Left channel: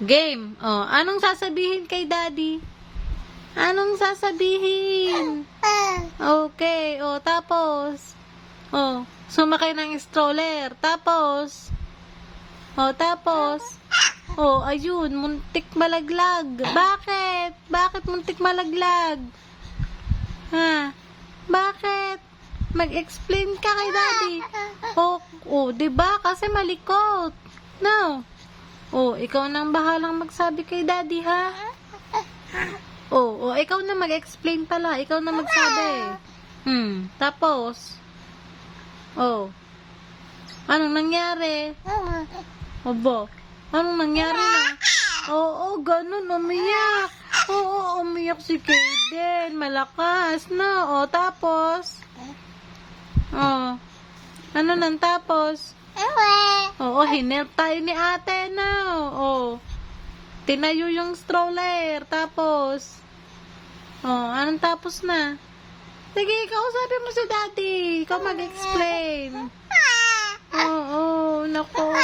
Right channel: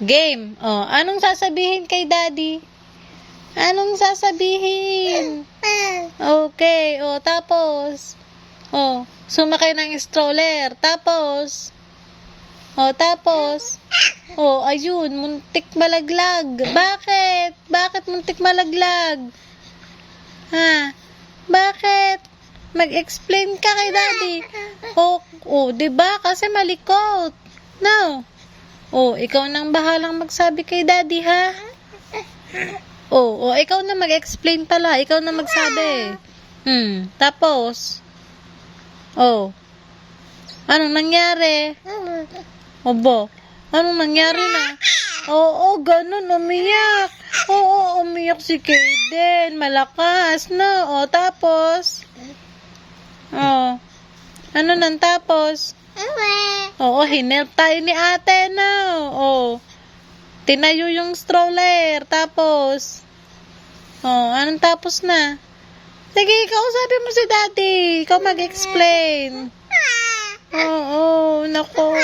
Game. Oh, anong sasabihin kay daddy? Anong sasabihin? Okay. Oh, tapos. Oh, sumakay ng stroller. Tapos. Oh, tapos. Oh, ayun, muntik malaglag. Bakit? Bakit muntik malaglag? Ha? Bakit? Mag-explain ka kay daddy. Oh, 'di ba? Kasi malikot. No. Oh, ikaw nang bahalang magsabi kay daddy, ha? Oh, ikaw na mag-explain pala. Ikaw na magsabi. Tapos. Oh. Anong nangyari? Obo. Anong nangyari na? Oo, ganun, umiyak. Oo, umiyak si Kaden. Malakas, no? O, tapos? Oh. Ano nang tapos? Oo, hinelp tayo ni ate, no? Oh. Tinayo yung stroller. Tapos? Oh, anong tapos na? Sige, ikaw sabi mo si daddy. Ikaw mag-explain. Oo, nako.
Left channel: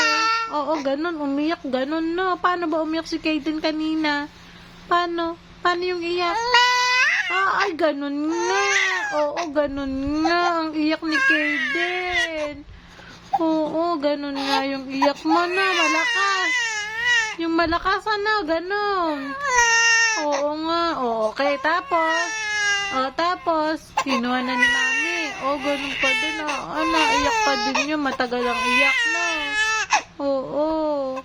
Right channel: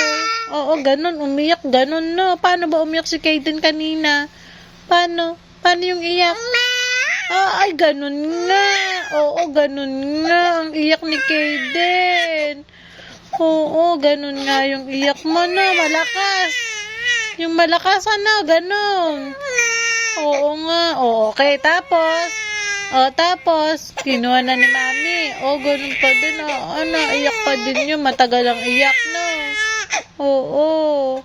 Oo, ganun, umiyak, ganun, no? Paano ba umiyak si Kaden kanina? Paano? Paano yung iyak? Ay, ganun nga. Oo, ganun nga. Ang iyak ni Kaden. Oo, ganun nga yung iyak mo na. Malakas. Yung malakas, ano, ganun. Oo nga. Oo, okay, tapos? Tapos, kinuha na ni mami. Ganun pa din. Ano, iyak pa din yun. Matagal ang iyak, no? Oo.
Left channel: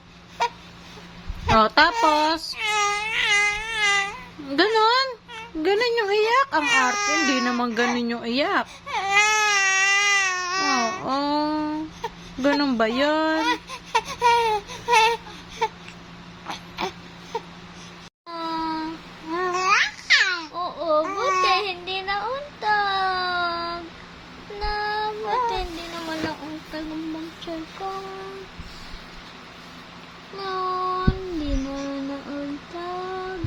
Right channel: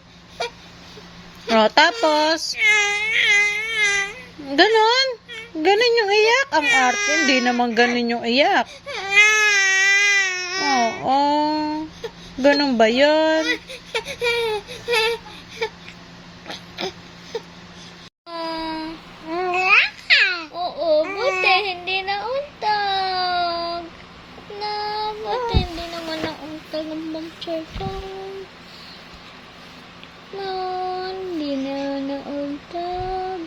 Tapos, ganun. Ganun yung iyak. Ang arte, hindi naman ganun yung iyak. Oo. Ganun ba yun? Oo, buti hindi nauntag. Buti hindi naman nauntag ang bang-check ko. Hindi na nauntag.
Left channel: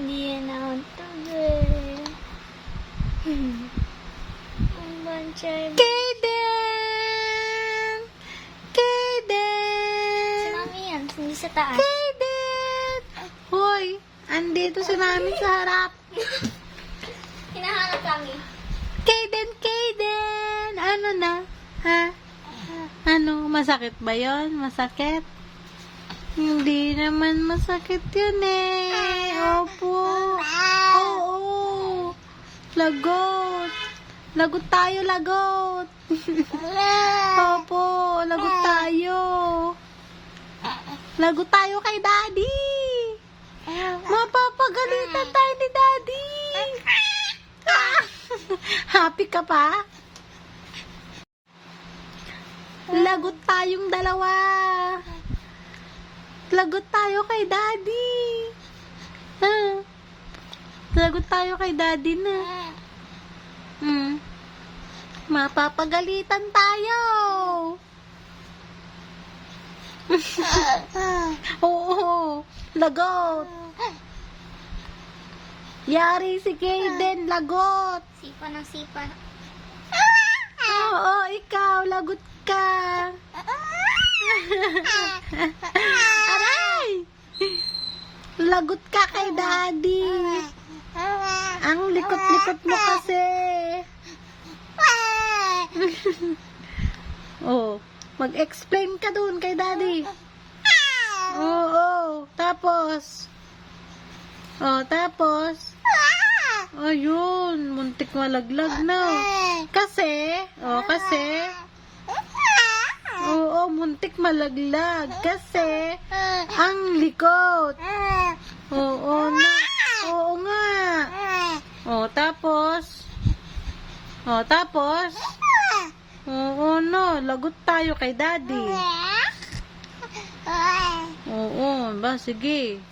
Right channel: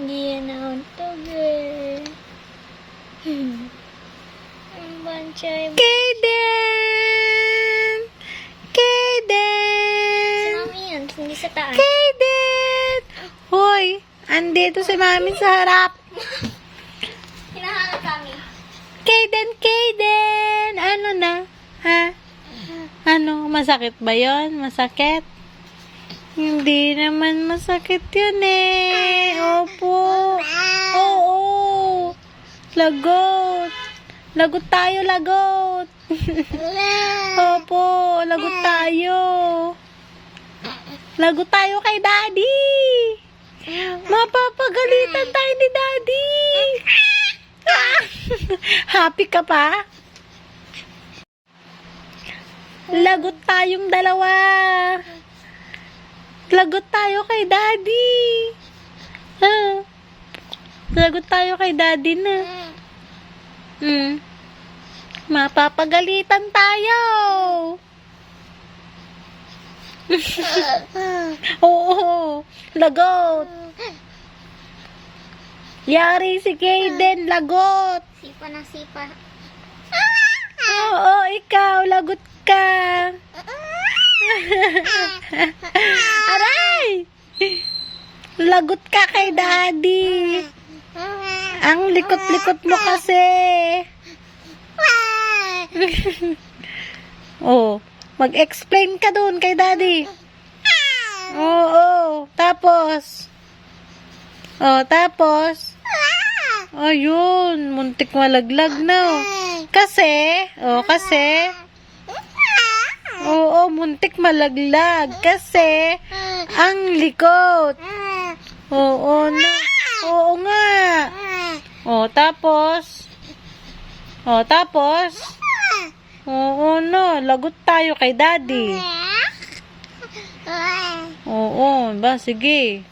Hindi na nauntag eh. Ang bang-check. Kaden! Kaden! Mami yan, hindi sa taas. Kaden! Hoy, andito si mami sa harap. Hinahanap kami. Kaden! Ano na? Ha? Ano? Masakit ba yon? Masakit? Hindi naman masakit yun eh. Opo. Oo. Lagot. Lagot tayo, lagot. Opo, lagot tayo. Lagot tayo kay daddy. Mapapagalitan tayo ni daddy. Happy ka pa? Lagot tayong dalawa. Lagot tayo kay daddy. Lagot tayo kay daddy na. Mapapagalitan tayo. Oo, lagot. Yari si Kaden, lagot. Sipa ng sipa. Oo, ikaw, lagot ka. Aray! Lagot ka kay daddy. Ang likot-likot mo kasi. Mag-explain ka dun kay daddy. Oo, tapos. Tapos. Ayun, muntik malaglag na. Kasi. Oo, muntik malaglag. Kasi, ang likot. Oo nga. Tapos. Oo, no. Lagot tayo kay daddy. Oo, ba? Sige.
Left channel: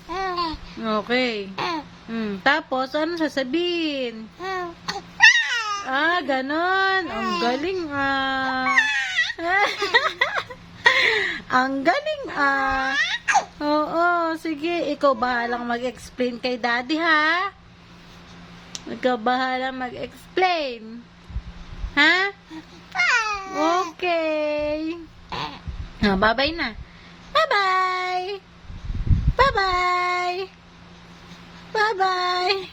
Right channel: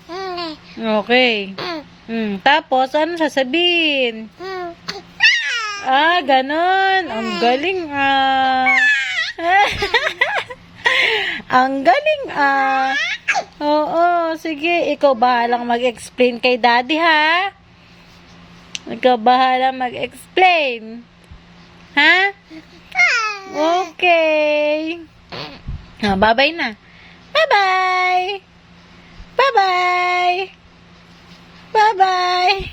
Okay. Tapos, ano sasabihin? Ganon. Ang galing, Ang galing, Oo, sige. Ikaw bahalang mag-explain kay daddy, ha? Ikaw bahalang mag-explain. Ha? Okay. Bye-bye na. Bye-bye! Bye-bye! Bye-bye!